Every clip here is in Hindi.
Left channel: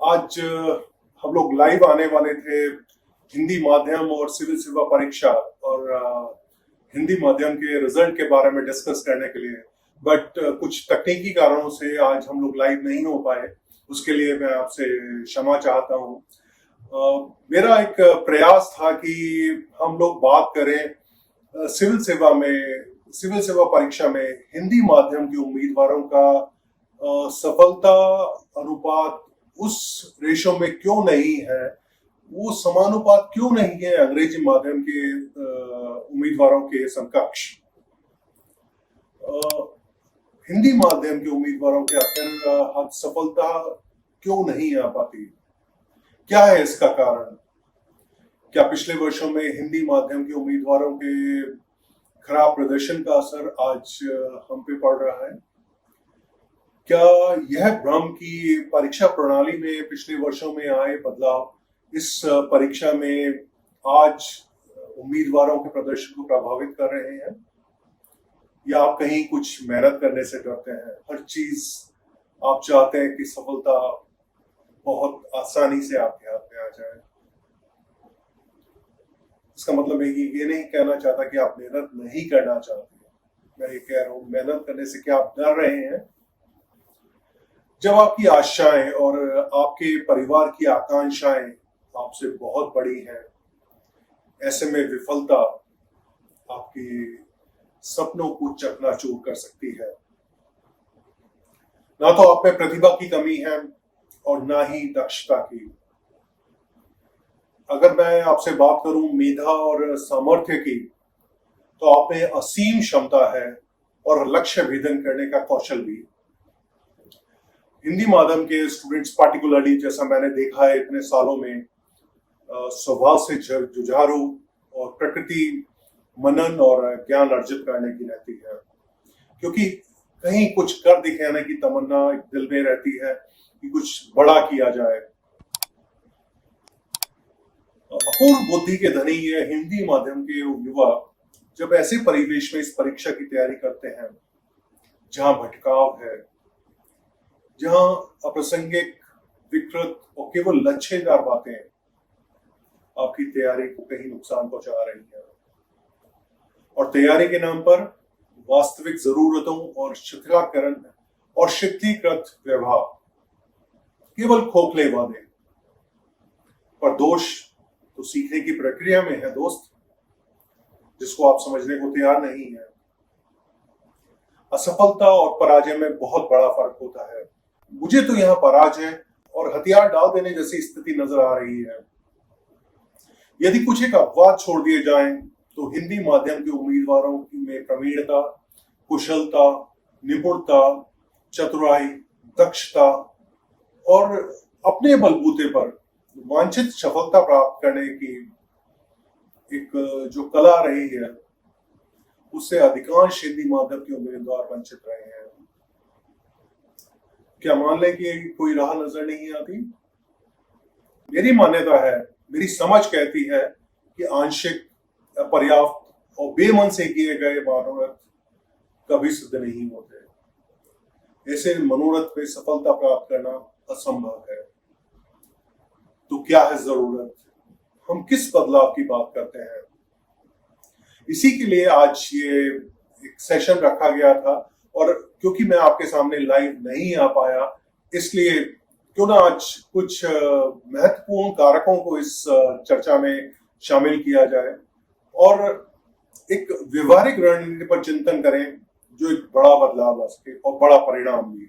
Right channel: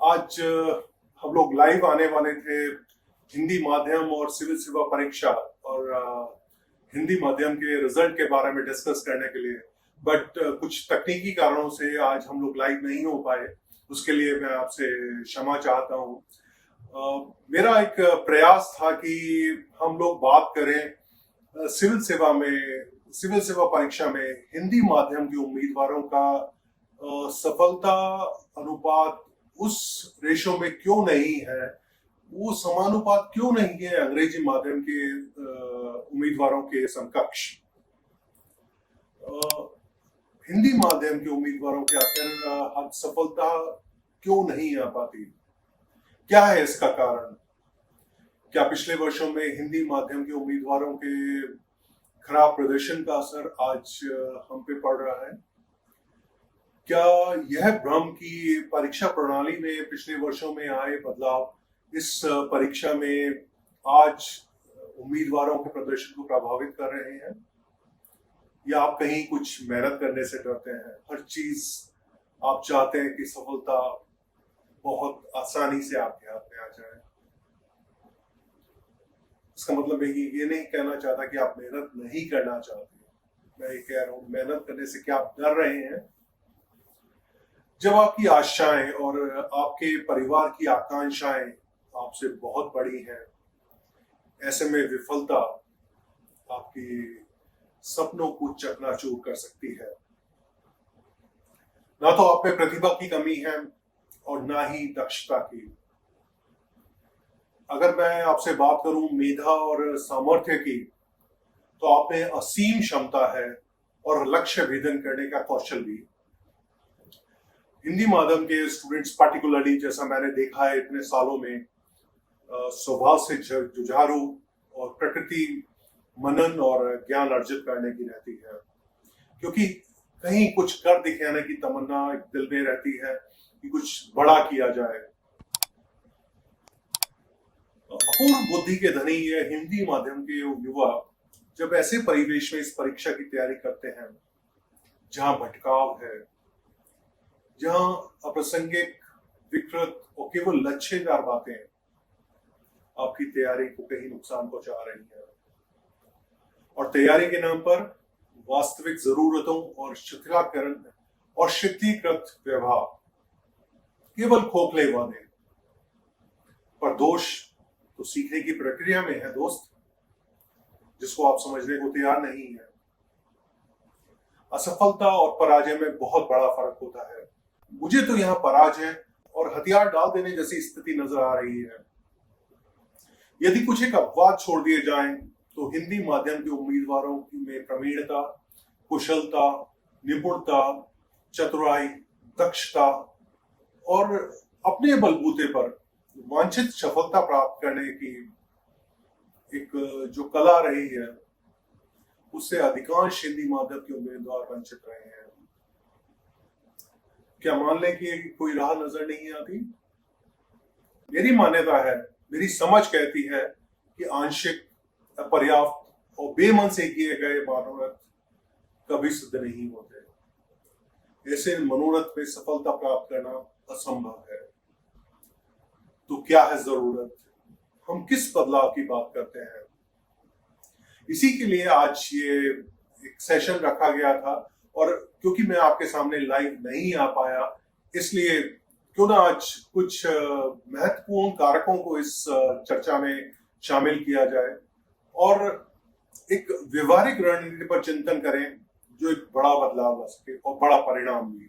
आज हम लोग लाइव आने वाले थे हिंदी माध्यम और सिविल सेवा परीक्षा और हिंदी माध्यम के रिजल्ट के बारे में डिस्कस करने के लिए। बट कुछ तकनीकी कारणों से आज हम लोग लाइव नहीं हो पाए। उसके लिए मैं आपसे क्षमा चाहता हूँ। मेरा एक प्रयास था कि हम लोग बात करें सिविल सेवा परीक्षा में हिंदी माध्यम के उम्मीदवारों का सफलता अनुपात उस रेशो में क्यों नहीं है, वो समानुपात क्यों नहीं है अंग्रेजी माध्यम के उम्मीदवारों के समकक्ष। हिंदी माध्यम के उम्मीदवारों के आखिर सफलता क्यों नहीं आ पाती? क्या है इसका कारण? क्या पिछले वर्षों में हिंदी माध्यम के उम्मीदवारों के खराब प्रदर्शन का असर आज हम पे पड़ रहा है? क्या यह भ्रम की परीक्षा प्रणाली में पिछले वर्षों में आए बदलाव इस परीक्षा में आज उम्मीदवारों के प्रदर्शन को प्रभावित कर रहे हैं, या आप कहीं कुछ मेहनत करने से डरते हैं? हर चीज आप चाहते हैं कि सफलता बहुत आसानी से आपके हाथ में आ जाए। इसका मतलब है कि ये नहीं कहना चाहता कि आप मेहनत नहीं करना चाहते। मैं ये कह रहा हूं, मेहनत करने से क्या आप डर रहे हैं? जब आपकी आशाएं और आपके परिवार की आकांक्षाएं आपसे बहुत बड़ी हैं, ऐसे में विफलता आपकी सपनों को चकनाचूर कर सकती है। ना तो आप में प्रतिभा की कमी है और ना ही दक्षता की। अगर मैं आपसे बात करूं मेधा और सामर्थ्य की, तो आप में असीम क्षमता है और लक्ष्य भेदन करने का कौशल भी। हिंदी माध्यम के स्टूडेंट्स पार्टिकुलरली, जैसा मैंने देखा है इतने सालों में, स्वभाव से जुझारू और प्रकृति मनन और ज्ञान अर्जित करने की रहती है, क्योंकि कहीं कुछ कर दिखाने की तमन्ना दिल में रहती है कि कुछ बड़ा किया जाए। अपूर्व बुद्धि के धनी ये हिंदी माध्यम के युवा जब ऐसे परिवेश में इस परीक्षा की तैयारी करते हैं जहां भटकाव है, जहां अप्रासंगिक, विकृत और केवल लच्छेदार बातें आपकी तैयारी को कहीं नुकसान पहुंचा रही है, और तैयारी के नाम पर वास्तविक जरूरतों और शिथिलीकरण और शिथिलीकृत व्यवहार, केवल खोखले वादे। पर दोष तो सीखने की प्रक्रिया में है दोस्त, जिसको आप समझने को तैयार नहीं है। असफलता और पराजय में बहुत बड़ा फर्क होता है। मुझे तो यहाँ पराजय और हथियार डाल देने जैसी स्थिति नजर आ रही है। यदि कुछ एक अपवाद छोड़ दिए जाएं, तो हिंदी माध्यम के उम्मीदवारों में प्रवीणता, कुशलता, निपुणता, चतुराई, दक्षता और अपने बलबूते पर वांछित सफलता प्राप्त करने की एक जो कला रही है, उससे अधिकांश हिंदी माध्यम के उम्मीदवार वंचित रहे हैं। क्या मान लें कि कोई राह नजर नहीं आती? मेरी मान्यता है, मेरी समझ कहती है कि आंशिक, पर्याप्त और बेमन से किए गए मनोरथ कभी सिद्ध नहीं होते। ऐसे मनोरथ में सफलता प्राप्त करना असंभव है। तो क्या है जरूरत? हम किस बदलाव की बात करते हैं? इसी के लिए आज ये एक सेशन रखा गया था, और क्योंकि मैं आपके सामने लाइव नहीं आ पाया, इसलिए क्यों ना आज कुछ महत्वपूर्ण कारकों को इस चर्चा में शामिल किया जाए और एक व्यवहारिक रणनीति पर चिंतन करें जो एक बड़ा बदलाव ला सके और बड़ा परिणाम भी।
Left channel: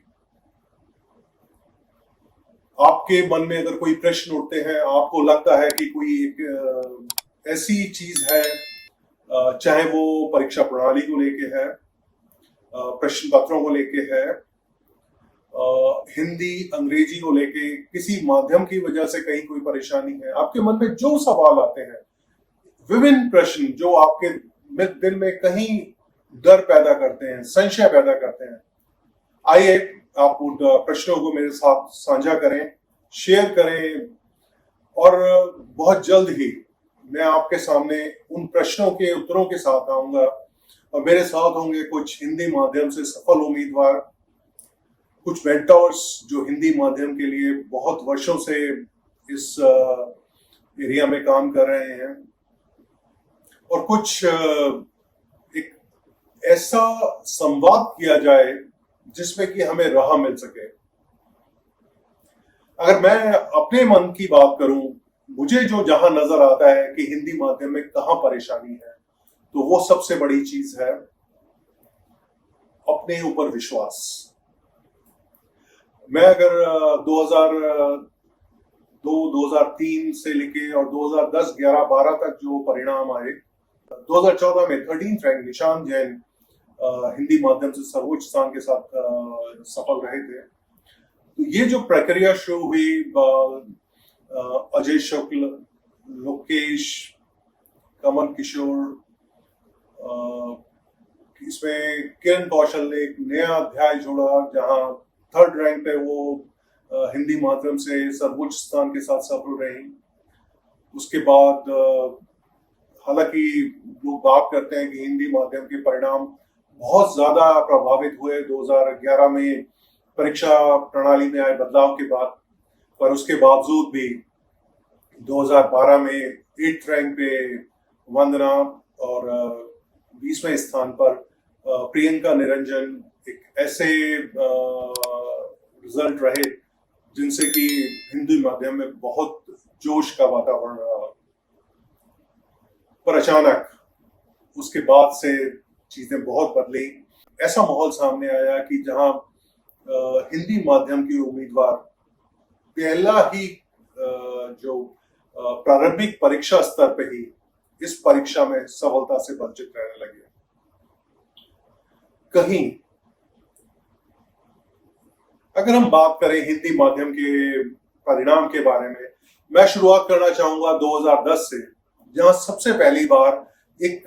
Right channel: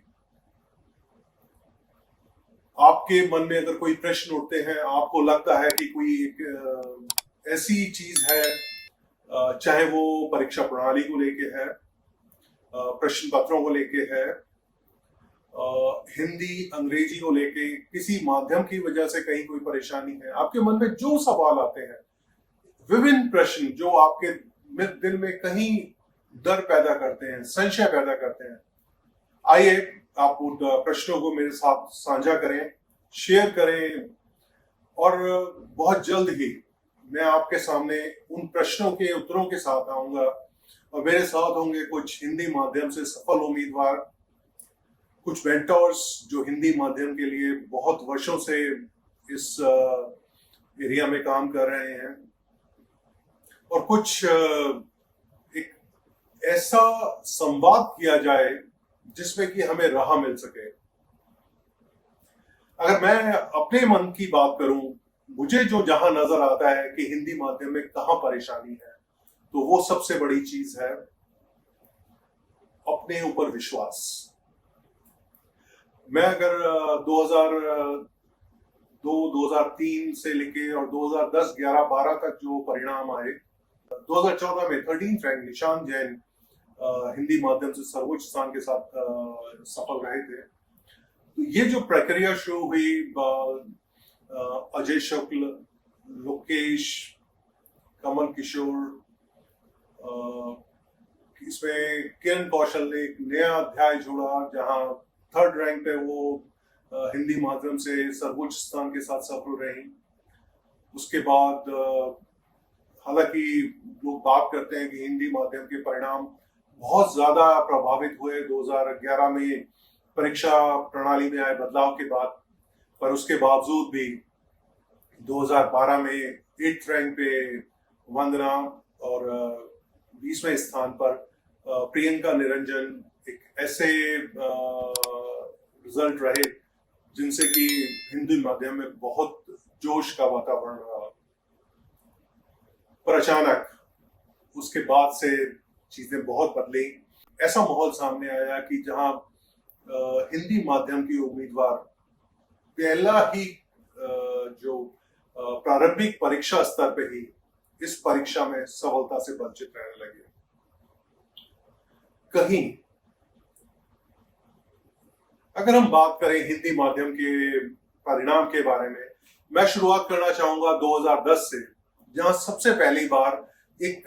आपके मन में अगर कोई प्रश्न उठते हैं, आपको लगता है कि कोई एक ऐसी चीज है, चाहे वो परीक्षा प्रणाली को लेके है, प्रश्न पत्रों को लेके है, हिंदी अंग्रेजी को लेके किसी माध्यम की वजह से कहीं कोई परेशानी है, आपके मन में जो सवाल आते हैं, विभिन्न प्रश्न जो आपके दिल में कहीं डर पैदा करते हैं, संशय पैदा करते हैं, आइए आप उन प्रश्नों को मेरे साथ साझा करें, शेयर करें, और बहुत जल्द ही मैं आपके सामने उन प्रश्नों के उत्तरों के साथ आऊंगा, और मेरे साथ होंगे कुछ हिंदी माध्यम से सफल उम्मीदवार कुछ मेंटर्स जो हिंदी माध्यम के लिए बहुत वर्षों से इस एरिया में काम कर रहे हैं, और कुछ एक ऐसा संवाद किया जाए जिसमें कि हमें राह मिल सके। अगर मैं अपने मन की बात करूं, मुझे जो जहां नजर आता है कि हिंदी माध्यम में कहां परेशानी है, तो वो सबसे बड़ी चीज है अपने ऊपर विश्वास। मैं अगर 2002 2003 से लेके और 2010 11 12 तक जो परिणाम आए, 2014 में 13th रैंक निशान जैन हिंदी माध्यम से सर्वोच्च स्थान के साथ सफल रहे थे। तो ये जो प्रक्रिया शुरू हुई, अजय शुक्ल, लोकेश, कमल किशोर, इसमें किरण कौशल ने एक नया अध्याय जोड़ा, जहां 3rd रैंक पे वो हिंदी माध्यम से सर्वोच्च स्थान के साथ सफल रही। उसके बाद हालांकि लोग बात करते हैं कि हिंदी माध्यम के परिणाम बहुत ज्यादा प्रभावित हुए 2011 में परीक्षा प्रणाली में आए बदलाव के बाद, पर उसके बावजूद भी 2012 में 8th रैंक पे वंदना और 20वें स्थान पर प्रियंका निरंजन एक ऐसे रिजल्ट रहे जिनसे कि हिंदी माध्यम में बहुत जोश का वातावरण रहा। पर अचानक उसके बाद से चीजें बहुत बदली। ऐसा माहौल सामने आया कि जहां हिंदी माध्यम के उम्मीदवार पहला ही जो प्रारंभिक परीक्षा स्तर पे ही इस परीक्षा में सफलता से वंचित रहने लगे। कहीं अगर हम बात करें हिंदी माध्यम के परिणाम के बारे में, मैं शुरुआत करना चाहूंगा 2010 से, जहां सबसे पहली बार एक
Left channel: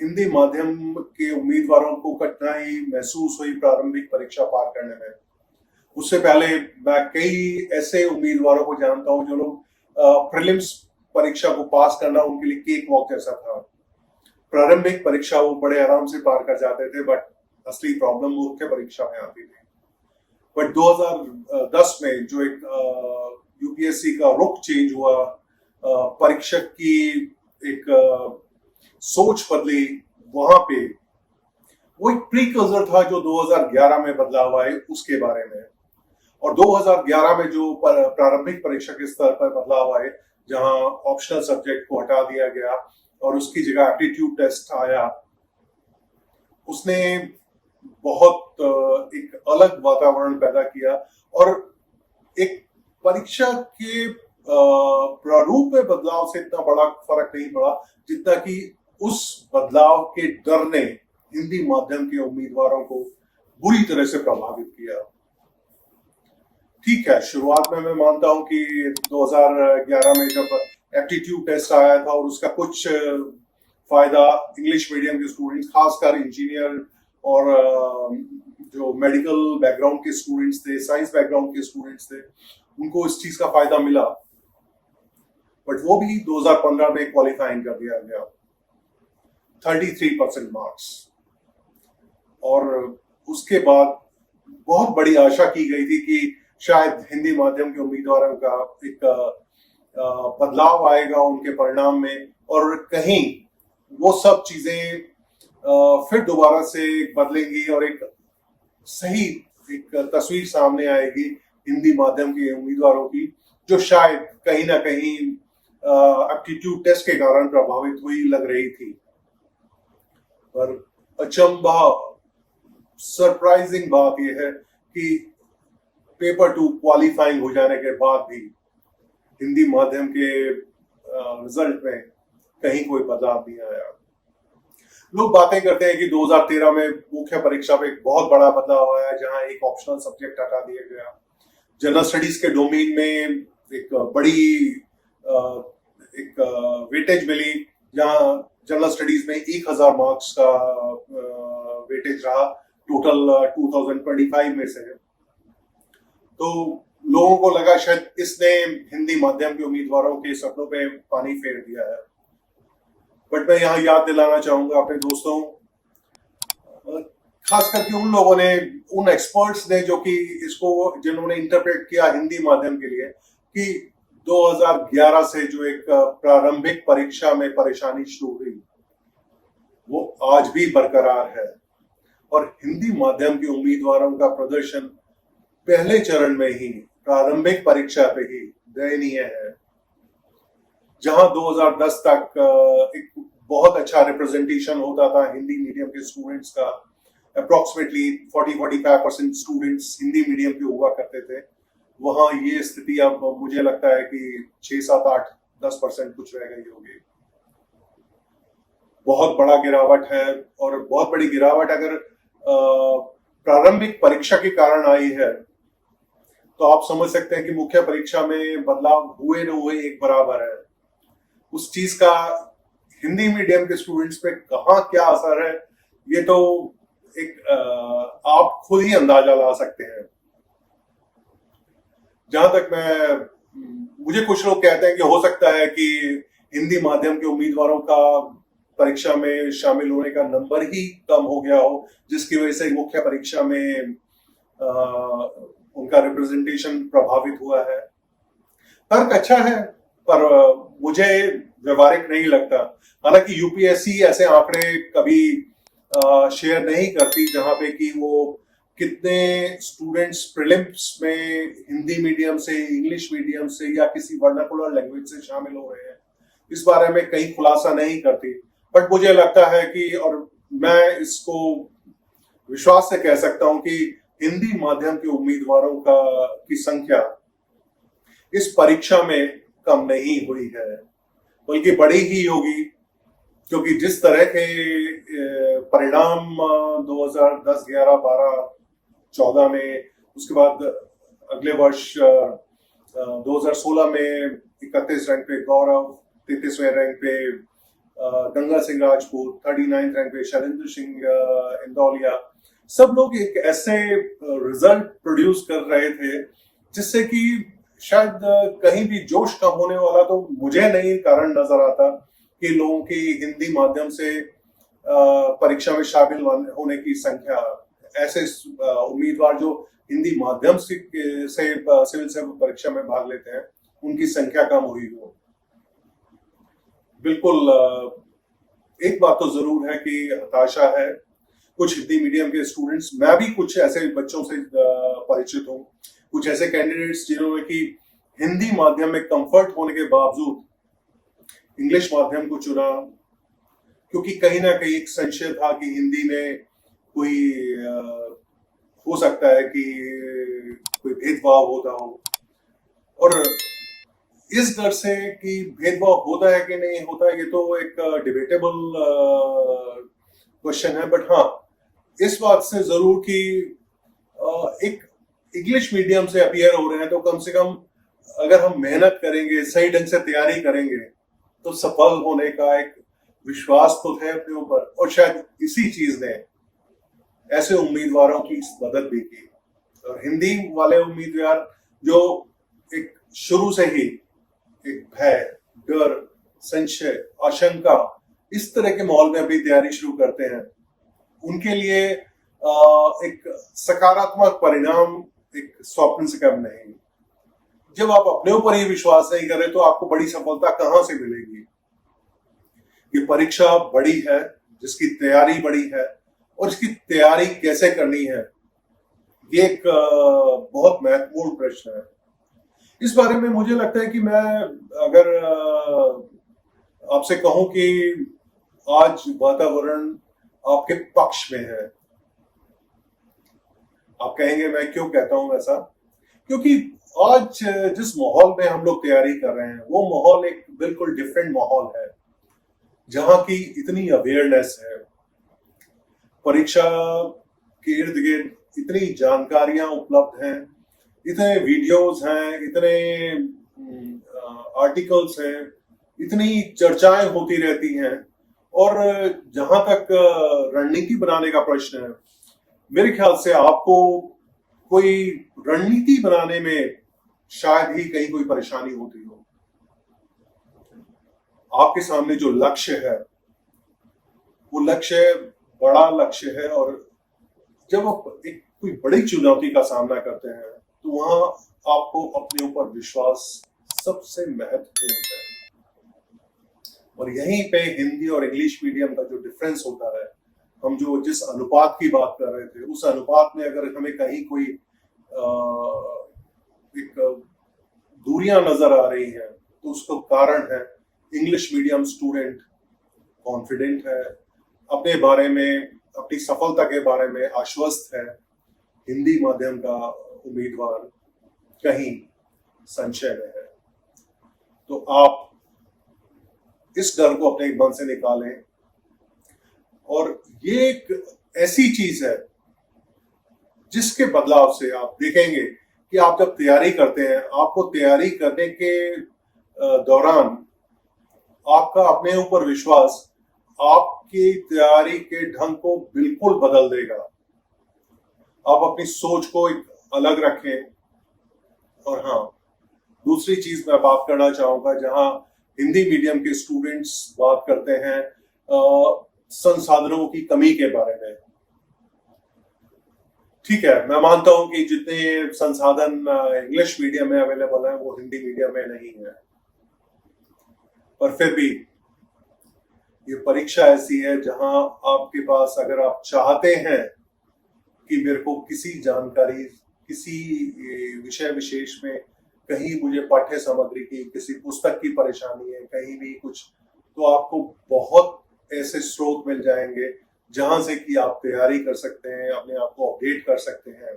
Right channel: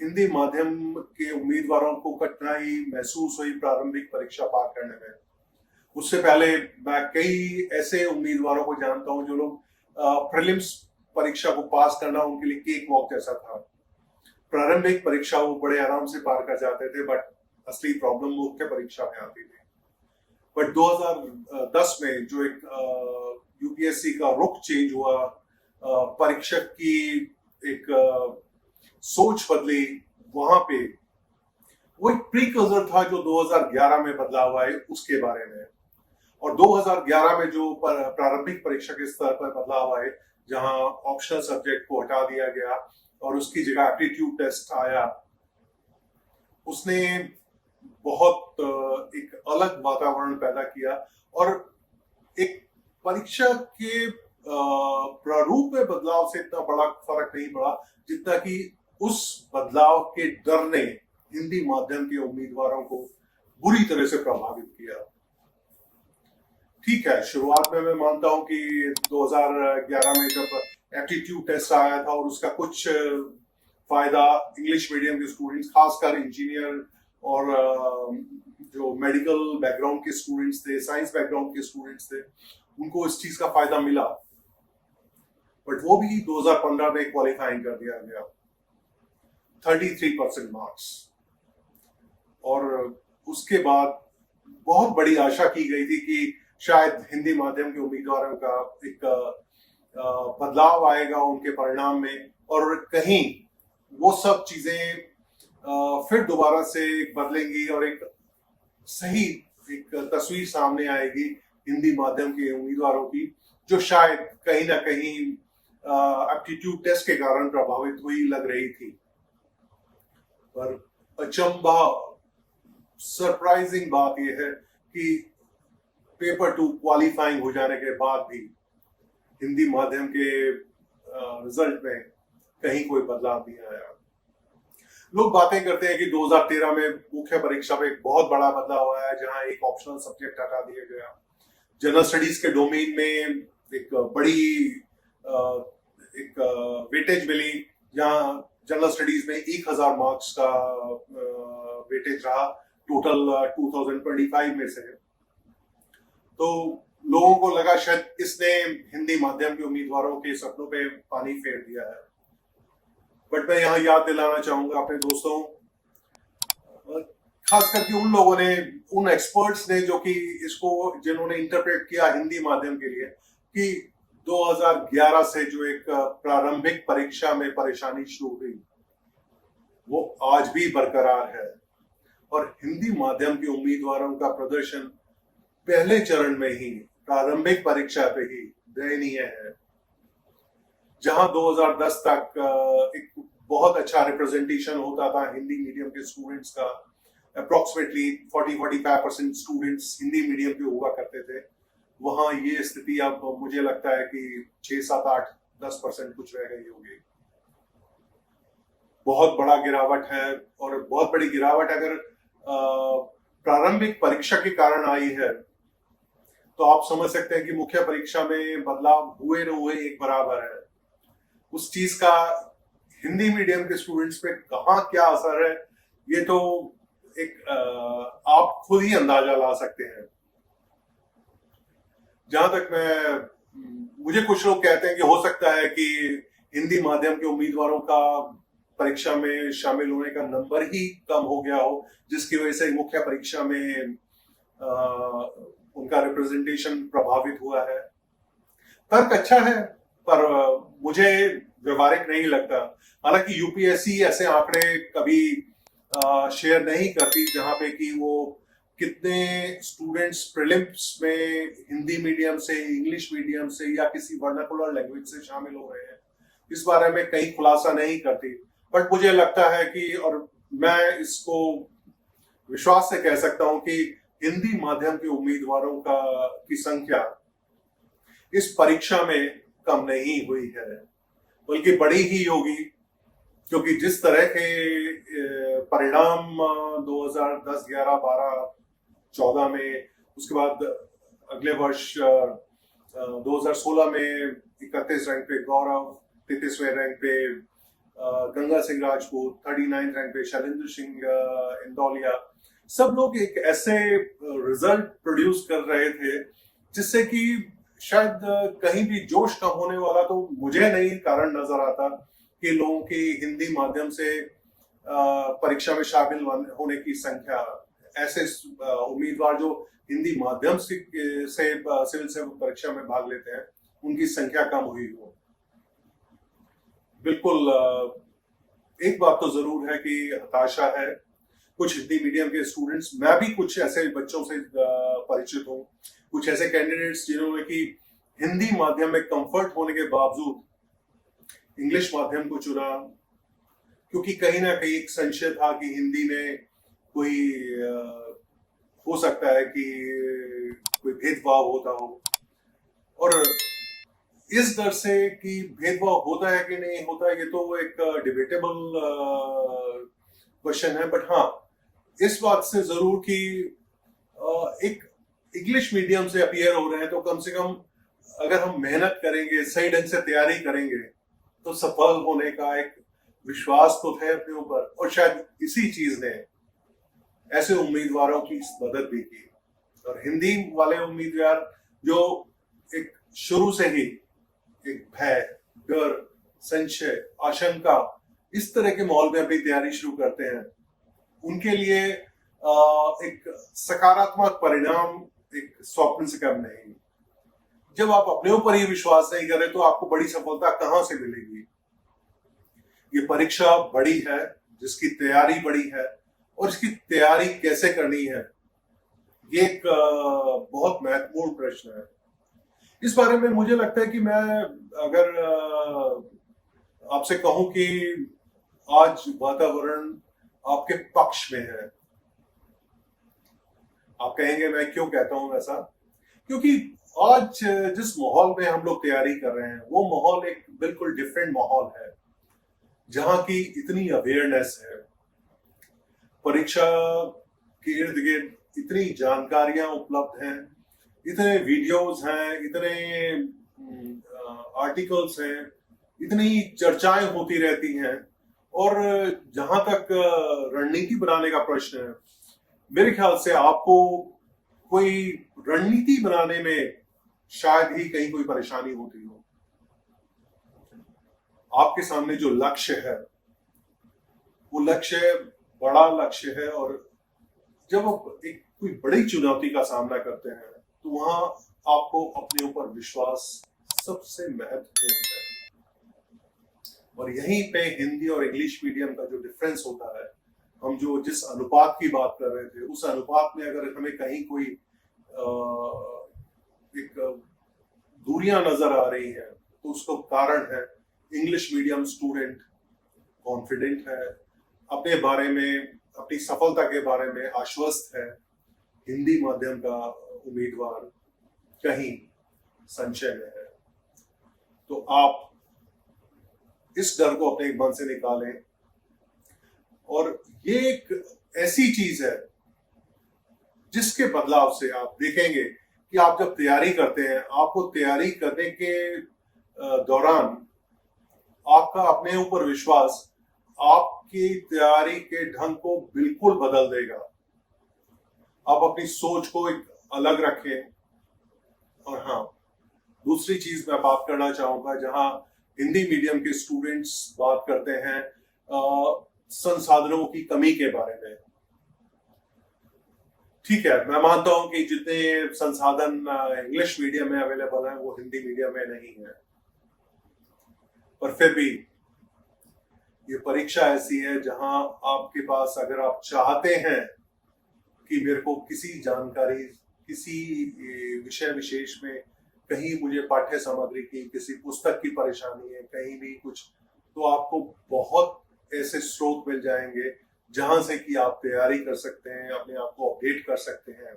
हिंदी माध्यम के उम्मीदवारों को कठिनाई महसूस हुई प्रारंभिक परीक्षा पार करने में। उससे पहले मैं कई ऐसे उम्मीदवारों को जानता हूं जो लोग प्रीलिम्स परीक्षा को पास करना उनके लिए केक वॉक जैसा था। प्रारंभिक परीक्षा वो बड़े आराम से पार कर जाते थे, बट असली प्रॉब्लम मुख्य परीक्षा में आती थी। बट 2010 में जो एक यूपीएससी का रुख चेंज हुआ, परीक्षक की एक सोच बदली, वहां पे वो एक प्रीकर्सर था जो 2011 में बदलाव आए उसके बारे में। और 2011 में जो प्रारंभिक परीक्षा के स्तर पर बदलाव आए, जहां ऑप्शनल सब्जेक्ट को हटा दिया गया और उसकी जगह एप्टीट्यूड टेस्ट आया, उसने बहुत एक अलग वातावरण पैदा किया। और एक परीक्षा के प्रारूप में बदलाव से इतना बड़ा फर्क नहीं पड़ा जितना कि उस बदलाव के डर ने हिंदी माध्यम के उम्मीदवारों को बुरी तरह से प्रभावित किया। ठीक है, शुरुआत में मैं मानता हूं कि 2011 में जब एप्टीट्यूड टेस्ट आया था और उसका कुछ फायदा इंग्लिश मीडियम के स्टूडेंट्स, खासकर इंजीनियर और जो मेडिकल बैकग्राउंड के स्टूडेंट्स थे, साइंस बैकग्राउंड के स्टूडेंट्स थे, उनको इस चीज का फायदा मिला। बट वो भी 2015 में क्वालिफाई कर दिया गया, 33% मार्क्स। और उसके बाद बहुत बड़ी आशा की गई थी कि शायद हिंदी माध्यम के उम्मीदवारों का एक बदलाव आएगा उनके परिणाम में, और कहीं वो सब चीजें फिर दोबारा से बदलेंगी और एक सही एक तस्वीर सामने आएगी हिंदी माध्यम के उम्मीदवारों की, जो शायद कहीं ना कहीं एप्टीट्यूड टेस्ट के कारण प्रभावित हुई लग रही थी। पर अचंभा, सरप्राइजिंग बात यह है कि पेपर 2 क्वालिफाइंग हो जाने के बाद भी हिंदी माध्यम के रिजल्ट में कहीं कोई बदलाव नहीं आया। लोग बातें करते हैं कि 2013 में मुख्य परीक्षा में एक बहुत बड़ा बदलाव आया, जहां एक ऑप्शनल सब्जेक्ट हटा दिया गया। जनरल स्टडीज के डोमेन में एक बड़ी एक वेटेज मिली, जहां जनरल स्टडीज में 1000 मार्क्स का वेटेज रहा टोटल 2025 में से। तो लोगों को लगा शायद इसने हिंदी माध्यम के उम्मीदवारों के सपनों पे पानी फेर दिया है। बट मैं यहाँ याद दिलाना चाहूंगा अपने दोस्तों, खास करके उन लोगों ने, उन एक्सपर्ट्स ने जो कि इसको, जिन्होंने इंटरप्रेट किया हिंदी माध्यम के लिए कि 2011 से जो एक प्रारंभिक परीक्षा में परेशानी शुरू हुई वो आज भी बरकरार है, और हिंदी माध्यम के उम्मीदवारों का प्रदर्शन पहले चरण में ही प्रारंभिक परीक्षा पे ही दयनीय है। जहां 2010 तक एक बहुत अच्छा रिप्रेजेंटेशन होता था हिंदी मीडियम के स्टूडेंट्स का, अप्रोक्सीमेटली 40-45% स्टूडेंट्स हिंदी मीडियम के हुआ करते थे, वहां ये स्थिति अब मुझे लगता है कि 6-7-8-10% कुछ रह गई होगी। बहुत बड़ा गिरावट है, और बहुत बड़ी गिरावट अगर प्रारंभिक परीक्षा के कारण आई है तो आप समझ सकते हैं कि मुख्य परीक्षा में बदलाव हुए न हुए एक बराबर है। उस चीज का हिंदी मीडियम के स्टूडेंट्स पे कहाँ क्या असर है ये तो एक आप खुद ही अंदाजा ला सकते हैं। जहां तक मुझे कुछ लोग कहते हैं कि हो सकता है कि हिंदी माध्यम के उम्मीदवारों का परीक्षा में शामिल होने का नंबर ही कम हो गया हो, जिसकी वजह से मुख्य परीक्षा में उनका रिप्रेजेंटेशन प्रभावित हुआ है। तर्क अच्छा है, पर मुझे व्यवहारिक नहीं लगता। हालांकि यूपीएससी ऐसे आंकड़े कभी शेयर नहीं करती जहां पे कि वो कितने स्टूडेंट्स प्रीलिम्स में हिंदी मीडियम से, इंग्लिश मीडियम से या किसी वर्नाकुलर लैंग्वेज से शामिल हो रहे हैं, इस बारे में कहीं खुलासा नहीं करती। बट मुझे लगता है कि, और मैं इसको विश्वास से कह सकता हूं कि हिंदी माध्यम के उम्मीदवारों की संख्या इस परीक्षा में कम नहीं हुई है, बल्कि बढ़ी ही होगी, क्योंकि जिस तरह के परिणाम 2010, 11, 12, 14 में, उसके बाद अगले वर्ष 2016 में 31 रैंक पे गौरव, 33वें रैंक पे गंगा सिंह राजपूत, 39 रैंक पे शैलेंद्र सिंह इंदौलिया, सब लोग एक ऐसे रिजल्ट प्रोड्यूस कर रहे थे जिससे कि शायद कहीं भी जोश कम होने वाला तो मुझे नहीं कारण नजर आता कि लोगों की हिंदी माध्यम से परीक्षा में शामिल होने की संख्या, ऐसे उम्मीदवार जो हिंदी माध्यम से सिविल सेवा परीक्षा में भाग लेते हैं, उनकी संख्या कम हुई हो। बिल्कुल एक बात तो जरूर है कि हताशा है कुछ हिंदी मीडियम के स्टूडेंट्स, मैं भी कुछ ऐसे बच्चों से परिचित हूँ, कुछ ऐसे कैंडिडेट्स जिन्होंने कि हिंदी माध्यम में कंफर्ट होने के बावजूद इंग्लिश माध्यम को चुना, क्योंकि कहीं ना कहीं एक संशय था कि हिंदी में कोई हो सकता है कि कोई भेदभाव होता हो, और इस डर से कि भेदभाव होता है कि नहीं होता है, ये तो एक डिबेटेबल क्वेश्चन है। बट हाँ, इस बात से जरूर कि एक इंग्लिश मीडियम से अपीयर हो रहे हैं तो कम से कम अगर हम मेहनत करेंगे, सही ढंग से तैयारी करेंगे, तो सफल होने का एक विश्वास तो है अपने ऊपर, और शायद इसी चीज ने ऐसे उम्मीदवारों की मदद भी की। और हिंदी वाले उम्मीदवार जो एक शुरू से ही एक भय, डर, संशय, आशंका, इस तरह के माहौल में अपनी तैयारी शुरू करते हैं, उनके लिए एक सकारात्मक परिणाम एक स्वप्न से कम नहीं। जब आप अपने ऊपर ही विश्वास नहीं करें तो आपको बड़ी सफलता कहां से मिलेगी। ये परीक्षा बड़ी है, जिसकी तैयारी बड़ी है, और इसकी तैयारी कैसे करनी है, ये एक बहुत महत्वपूर्ण प्रश्न है। इस बारे में मुझे लगता है कि मैं अगर आपसे कहूं कि आज वातावरण आपके पक्ष में है, आप कहेंगे मैं क्यों कहता हूं ऐसा, क्योंकि आज जिस माहौल में हम लोग तैयारी कर रहे हैं वो माहौल एक बिल्कुल डिफरेंट माहौल है, जहां की इतनी अवेयरनेस है, परीक्षा के इर्द गिर्द इतनी जानकारियां उपलब्ध हैं, इतने वीडियोस हैं, इतने आर्टिकल्स हैं, इतनी चर्चाएं होती रहती हैं, और जहां तक रणनीति बनाने का प्रश्न है, मेरे ख्याल से आपको कोई रणनीति बनाने में शायद ही कहीं कोई परेशानी होती हो। आपके सामने जो लक्ष्य है वो लक्ष्य बड़ा लक्ष्य है, और जब आप एक कोई बड़ी चुनौती का सामना करते हैं तो वहां आपको अपने ऊपर विश्वास सबसे महत्वपूर्ण है। और यहीं पे हिंदी और इंग्लिश मीडियम का जो डिफरेंस होता है, हम जो जिस अनुपात की बात कर रहे थे, उस अनुपात में अगर हमें कहीं कोई एक दूरियां नजर आ रही हैं तो उसका कारण है इंग्लिश मीडियम स्टूडेंट कॉन्फिडेंट है, अपने बारे में, अपनी सफलता के बारे में आश्वस्त है। हिंदी माध्यम का उम्मीदवार कहीं संशय में है। तो आप इस डर को अपने मन से निकालें। और ये एक ऐसी चीज है जिसके बदलाव से आप देखेंगे कि आप जब तैयारी करते हैं, आपको तैयारी करने के दौरान आपका अपने ऊपर विश्वास आपकी तैयारी के ढंग को बिल्कुल बदल देगा। आप अपनी सोच को एक अलग रखें। और हाँ, दूसरी चीज मैं बात करना चाहूंगा, जहां हिंदी मीडियम के स्टूडेंट्स बात करते हैं संसाधनों की कमी के बारे में। ठीक है, मैं मानता हूं कि जितने संसाधन इंग्लिश मीडियम में अवेलेबल है वो हिंदी मीडियम में नहीं है, पर फिर भी ये परीक्षा ऐसी है जहां आपके पास, अगर आप चाहते हैं कि मेरे को किसी जानकारी, किसी विषय विशेष में कहीं मुझे पाठ्य सामग्री की, किसी पुस्तक की परेशानी है, कहीं भी कुछ, तो आपको बहुत ऐसे स्रोत मिल जाएंगे जहां से कि आप तैयारी कर सकते हैं, अपने आप को अपडेट कर सकते हैं।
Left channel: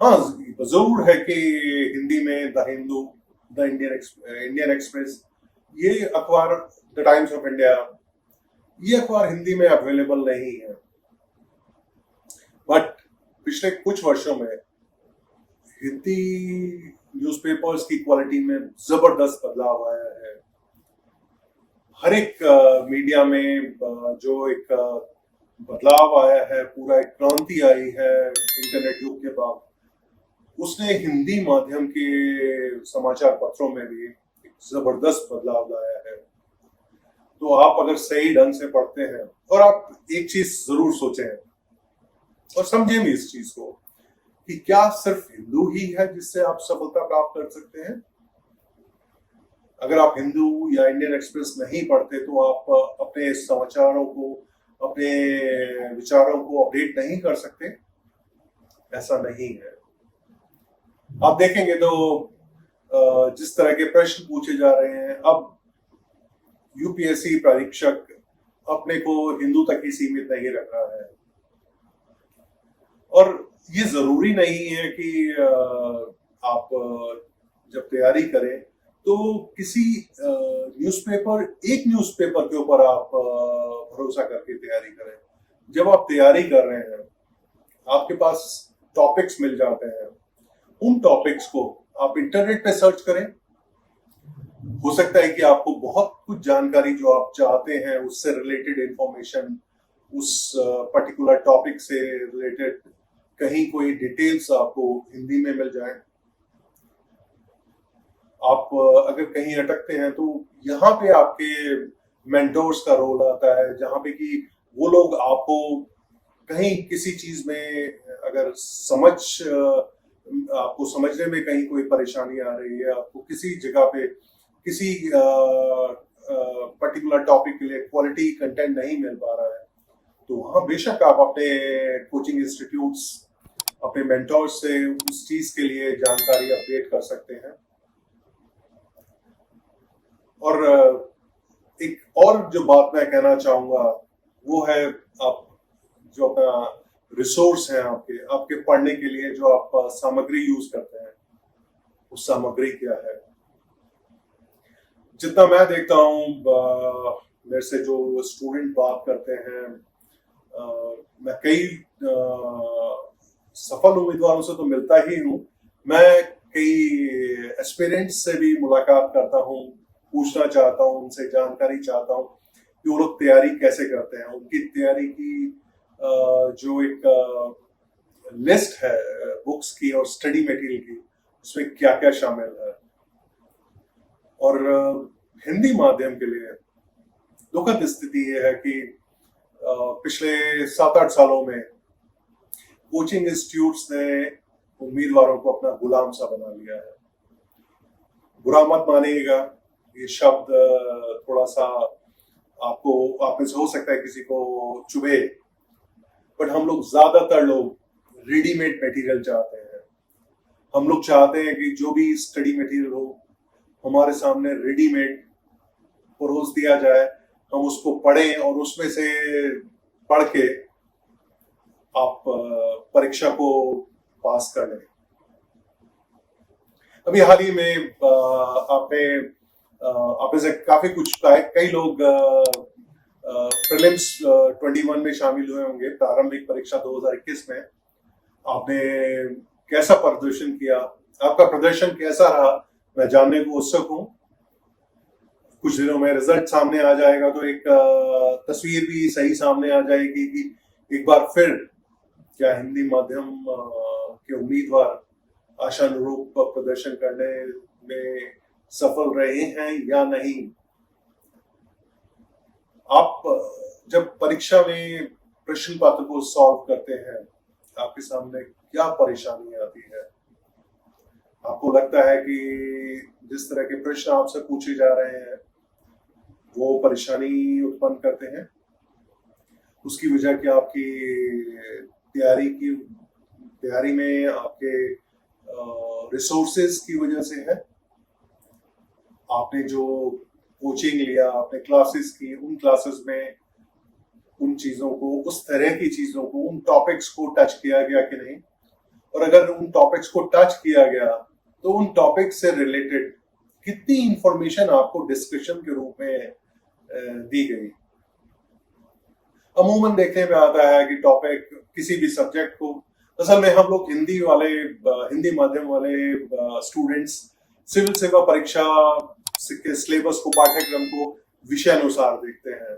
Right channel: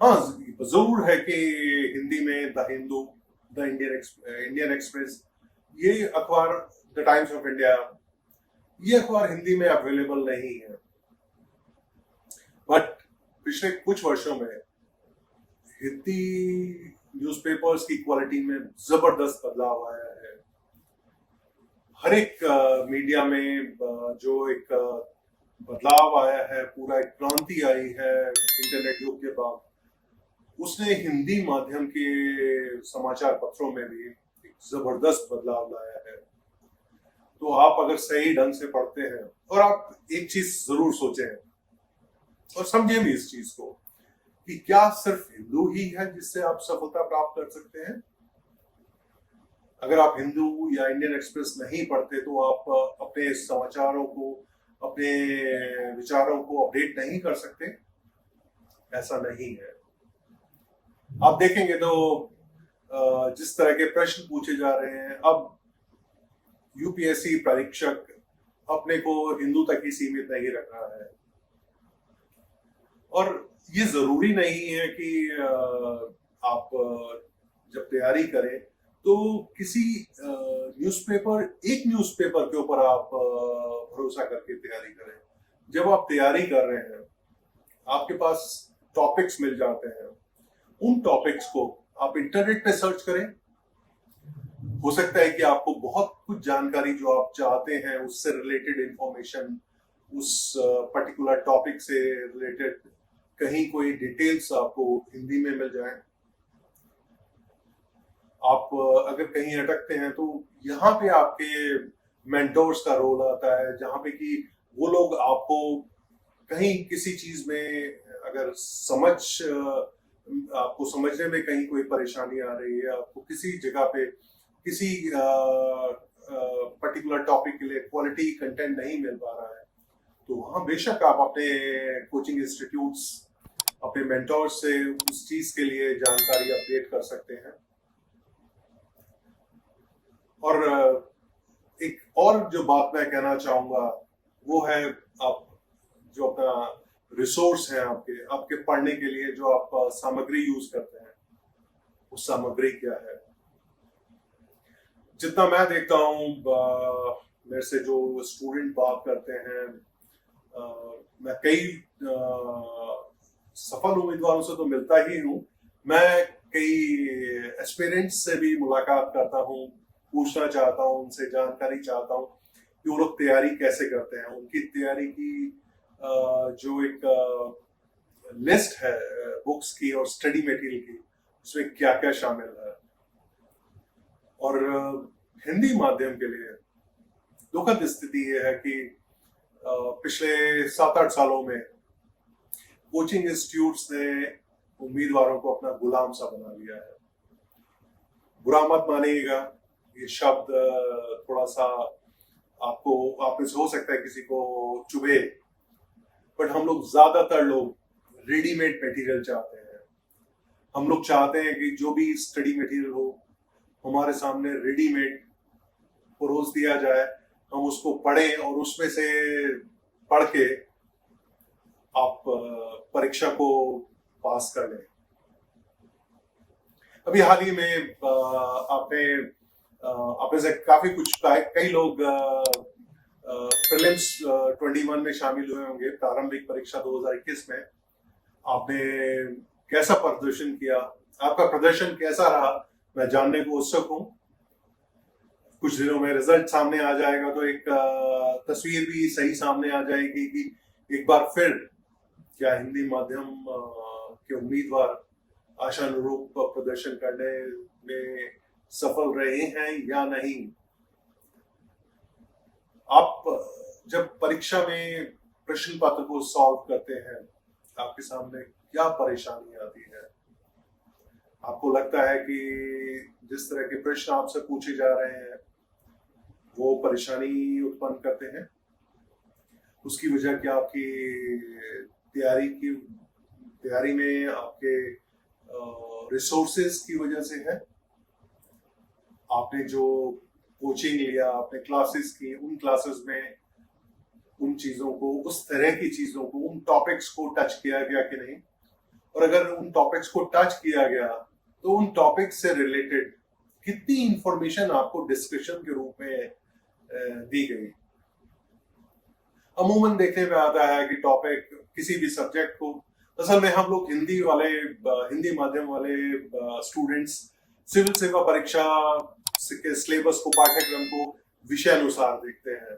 हाँ, जरूर है कि हिंदी में the Hindu, the Indian express, ये अखबार, द टाइम्स ऑफ इंडिया, ये अखबार हिंदी में अवेलेबल नहीं है। बट पिछले कुछ वर्षों में हिंदी न्यूज़पेपर्स की क्वालिटी में जबरदस्त बदलाव आया है। हर एक मीडिया में जो एक बदलाव आया है, पूरा एक क्रांति आई है इंटरनेट युग के बाद, उसने हिंदी माध्यम के समाचार पत्रों में भी एक जबरदस्त बदलाव लाया है। तो आप अगर सही ढंग से पढ़ते हैं, और आप एक चीज जरूर सोचें और समझें भी इस चीज को, कि क्या सिर्फ हिंदू ही है जिससे आप सफलता प्राप्त कर सकते हैं? अगर आप हिंदू या इंडियन एक्सप्रेस नहीं पढ़ते तो आप अपने समाचारों को, अपने विचारों को अपडेट नहीं कर सकते। ऐसा नहीं है। आप देखेंगे तो जिस तरह के प्रश्न पूछे जा रहे हैं, अब यूपीएससी परीक्षक अपने को हिंदू तक ही सीमित नहीं रख रहा है। और ये जरूरी नहीं है कि आप जब तैयारी करें तो किसी न्यूज़पेपर, एक न्यूज़पेपर के ऊपर आप भरोसा करके तैयारी करें। जब आप तैयारी कर रहे हैं, आपके पास टॉपिक्स मिल जाते हैं, उन टॉपिक्स को आप इंटरनेट पे सर्च करें। हो सकता है कि आपको बहुत कुछ जानकारी जो आप चाहते हैं उससे रिलेटेड इंफॉर्मेशन, उस पर्टिकुलर टॉपिक से रिलेटेड कहीं कोई डिटेल्स आपको हिंदी में मिल जाए। आप अगर कहीं अटकते हैं तो यहाँ पे आपके मेंटोर्स का रोल आता है, जहाँ पे कि वो लोग आपको कहीं किसी चीज में अगर आपको समझने में कहीं कोई परेशानी आ रही है, आपको किसी जगह पे किसी पर्टिकुलर टॉपिक के लिए क्वालिटी कंटेंट नहीं मिल पा रहा है, तो वहाँ बेशक आप अपने कोचिंग इंस्टीट्यूट्स, अपने मेंटोर्स से उस चीज के लिए जानकारी अपडेट कर सकते हैं। और एक और जो बात मैं कहना चाहूंगा वो है, आप जो अपना रिसोर्स है, आपके पढ़ने के लिए जो आप सामग्री यूज करते हैं, उस सामग्री क्या है? जितना मैं देखता हूँ, मेरे से जो स्टूडेंट बात करते हैं, मैं कई सफल उम्मीदवारों से तो मिलता ही हूँ, मैं कई एस्पिरेंट्स से भी मुलाकात करता हूँ, पूछना चाहता हूँ, उनसे जानकारी चाहता हूँ कि वो लोग तैयारी कैसे करते हैं, उनकी तैयारी की जो एक लिस्ट है बुक्स की और स्टडी मटेरियल की, उसमें क्या क्या शामिल है। और हिंदी माध्यम के लिए दुखद स्थिति ये है कि पिछले 7-8 सालों में कोचिंग इंस्टीट्यूट्स ने उम्मीदवारों को अपना गुलाम सा बना लिया है। बुरा मत मानिएगा, ये शब्द थोड़ा सा आपको आप में से हो सकता है किसी को चुभे, बट हम लोग ज्यादातर लोग रेडीमेड मटेरियल चाहते हैं। हम लोग चाहते हैं कि जो भी स्टडी मटेरियल हो हमारे सामने रेडीमेड परोस दिया जाए, हम उसको पढ़ें और उसमें से पढ़ के आप परीक्षा को पास कर लें। अभी हाल ही में आपने से काफी कुछ कई लोग प्रीलिम्स 21 में शामिल हुए होंगे, प्रारंभिक परीक्षा 2021 में। आपने कैसा प्रदर्शन किया, आपका प्रदर्शन कैसा रहा, मैं जानने को उत्सुक हूँ। कुछ दिनों में रिजल्ट सामने आ जाएगा तो एक तस्वीर भी सही सामने आ जाएगी कि एक बार फिर क्या हिंदी माध्यम के उम्मीदवार आशानुरूप प्रदर्शन करने में सफल रहे हैं या नहीं। आप जब परीक्षा में प्रश्न पत्र को सॉल्व करते हैं, आपके सामने क्या परेशानी आती है? आपको लगता है कि जिस तरह के प्रश्न आपसे पूछे जा रहे हैं वो परेशानी उत्पन्न करते हैं? उसकी वजह क्या आपकी तैयारी में आपके रिसोर्सेज की वजह से है? आपने जो कोचिंग लिया, आपने क्लासेस की, उन क्लासेस में उन चीजों को, उस तरह की चीजों को, उन टॉपिक्स को टच किया गया कि नहीं? और अगर उन टॉपिक्स को टच किया गया तो उन टॉपिक्स से रिलेटेड कितनी इंफॉर्मेशन आपको डिस्कशन के रूप में दी गई? अमूमन देखने में आता है कि टॉपिक किसी भी सब्जेक्ट को, असल में हम लोग हिंदी माध्यम वाले स्टूडेंट्स सिविल सेवा परीक्षा के सिलेबस को, पाठ्यक्रम को विषय अनुसार देखते हैं।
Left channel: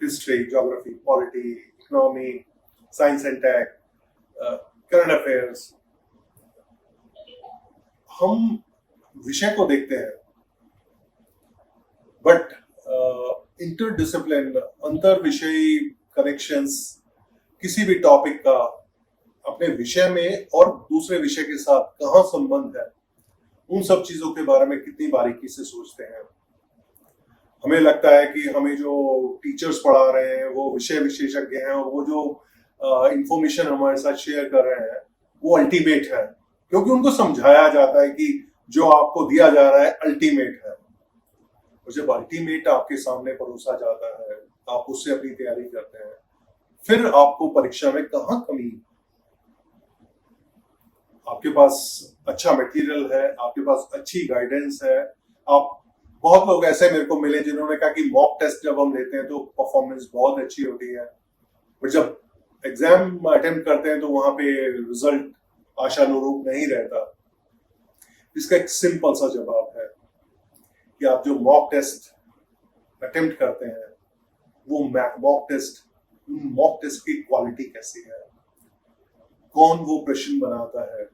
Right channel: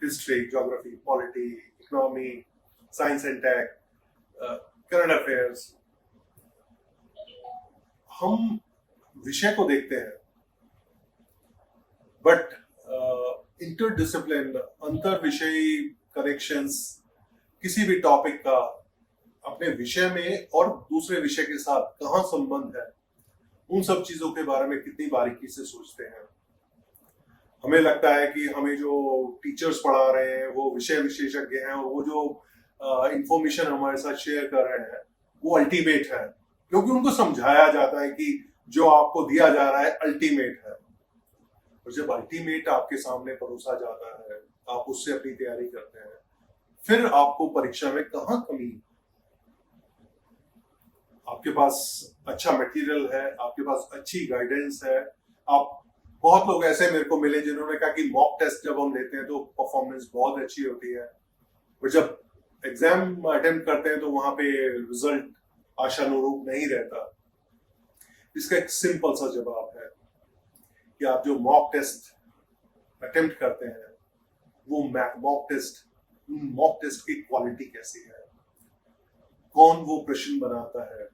History, geography, polity, economy, science and tech, current affairs, हम विषय को देखते हैं, बट इंटरडिसिप्लिन, अंतर विषयी कनेक्शंस, किसी भी टॉपिक का अपने विषय में और दूसरे विषय के साथ कहाँ संबंध है, उन सब चीजों के बारे में कितनी बारीकी से सोचते हैं। हमें लगता है कि हमें जो टीचर्स पढ़ा रहे हैं वो विषय विशेषज्ञ हैं और वो जो इंफॉर्मेशन हमारे साथ शेयर कर रहे हैं वो अल्टीमेट है, क्योंकि उनको समझाया जाता है कि जो आपको दिया जा रहा है अल्टीमेट है। और जब अल्टीमेट आपके सामने परोसा जाता है, आप उससे अपनी तैयारी करते हैं, फिर आपको परीक्षा में कहाँ कमी? आपके पास अच्छा मटेरियल है, आपके पास अच्छी गाइडेंस है। आप बहुत लोग ऐसे मेरे को मिले जिन्होंने कहा कि मॉक टेस्ट जब हम लेते हैं तो परफॉर्मेंस बहुत अच्छी होती है, पर जब एग्जाम अटेम्प्ट करते हैं तो वहां पे रिजल्ट आशानुरूप नहीं रहता। इसका एक सिंपल सा जवाब है कि आप जो मॉक टेस्ट अटेम्प्ट करते हैं वो मॉक टेस्ट की क्वालिटी कैसी है, कौन वो प्रश्न बनाता है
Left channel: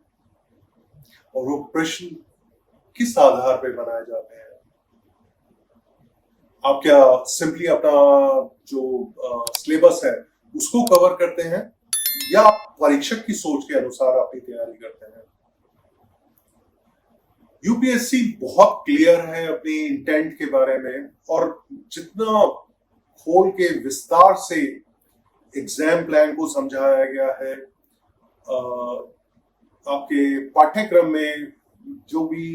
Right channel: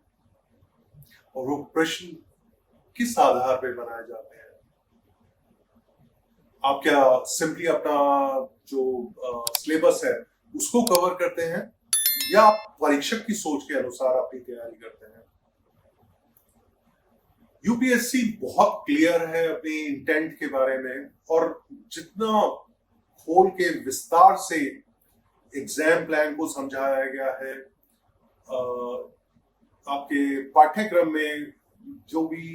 और वो प्रश्न किस आधार पर बनाए जाते हैं। आप क्या सिंपली अपना जो सिलेबस है उसको कवर करते हैं या आप परीक्षक की सोच के अनुसार अपनी तैयारी करते हैं? यूपीएससी बहुत क्लियर है अपने इंटेंट के बारे में, और जितना खोल के विस्तार से एग्जाम प्लान को समझाया गया है, आपके पाठ्यक्रम में जो भी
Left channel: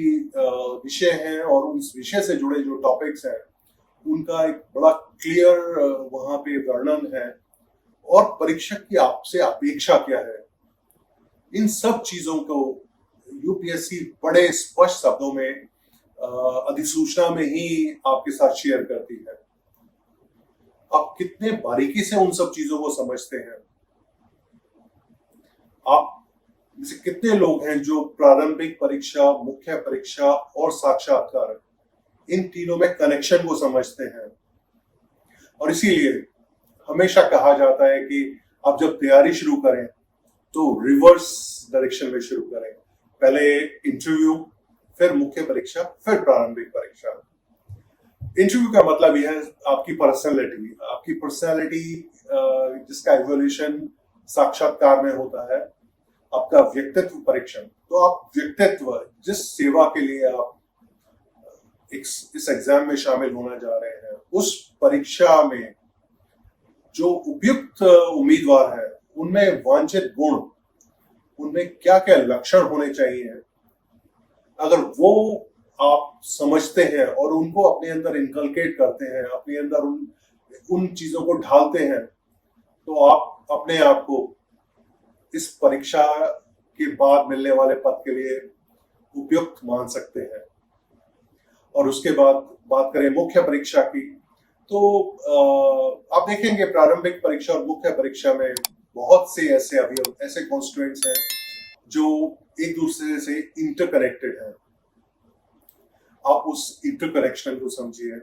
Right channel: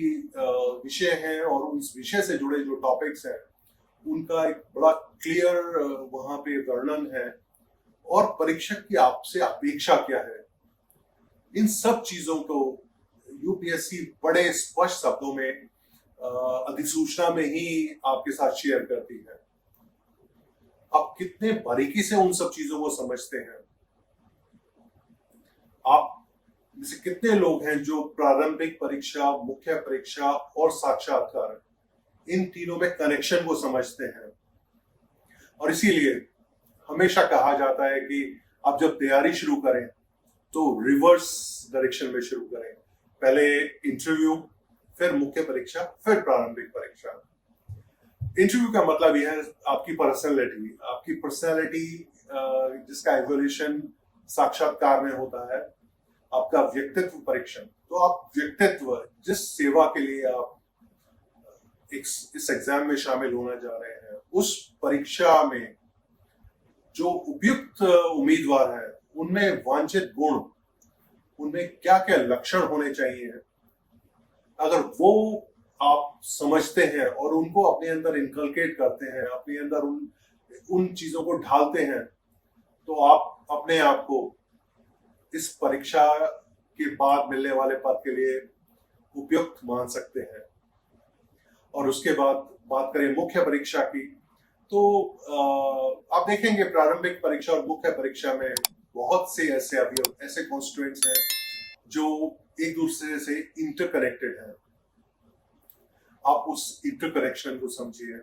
विषय है और उस विषय से जुड़े जो टॉपिक्स हैं उनका एक बड़ा क्लियर वहां पे वर्णन है, और परीक्षक की आपसे अपेक्षा क्या है, इन सब चीजों को यूपीएससी बड़े स्पष्ट शब्दों में अधिसूचना में ही आपके साथ शेयर करती है। आप कितने बारीकी से उन सब चीजों को समझते हैं? आप जैसे कितने लोग हैं जो प्रारंभिक परीक्षा, मुख्य परीक्षा और साक्षात्कार, इन तीनों में कनेक्शन को समझते हैं? और इसीलिए हमेशा कहा जाता है कि आप जब तैयारी शुरू करें तो रिवर्स डायरेक्शन में शुरू करें, पहले इंटरव्यू, फिर मुख्य परीक्षा, फिर प्रारंभिक परीक्षा। इंटरव्यू का मतलब यह है आपकी पर्सनैलिटी जिसका इवोल्यूशन साक्षात्कार में होता है आपका व्यक्तित्व परीक्षण। तो आप व्यक्तित्व, जिस सेवा के लिए आप इस एग्जाम में शामिल होना जा रहे हैं, उस परीक्षा में जो उपयुक्त उम्मीदवार है उनमें वांछित गुण, उनमें क्या क्या लक्षण होने चाहिए, अगर वो आप समझते हैं और उनको अपने अंदर इनकलकेट करते हैं, अपने अंदर उन चीजों को ढालते हैं, तो आप अपने आप को इस परीक्षा के बाद मिलने वाले पद के लिए उपयुक्त मान सकते हैं। और उसके बाद बात करें मुख्य परीक्षा की, तो आप देखेंगे प्रारंभिक परीक्षा और मुख्य परीक्षा में बहुत से ऐसे अवयव, ऐसे कॉन्स्टिट्यूएंट्स हैं जो एक दूसरे से इंटरकनेक्टेड है। आप उस इंटरकनेक्शन को समझिए।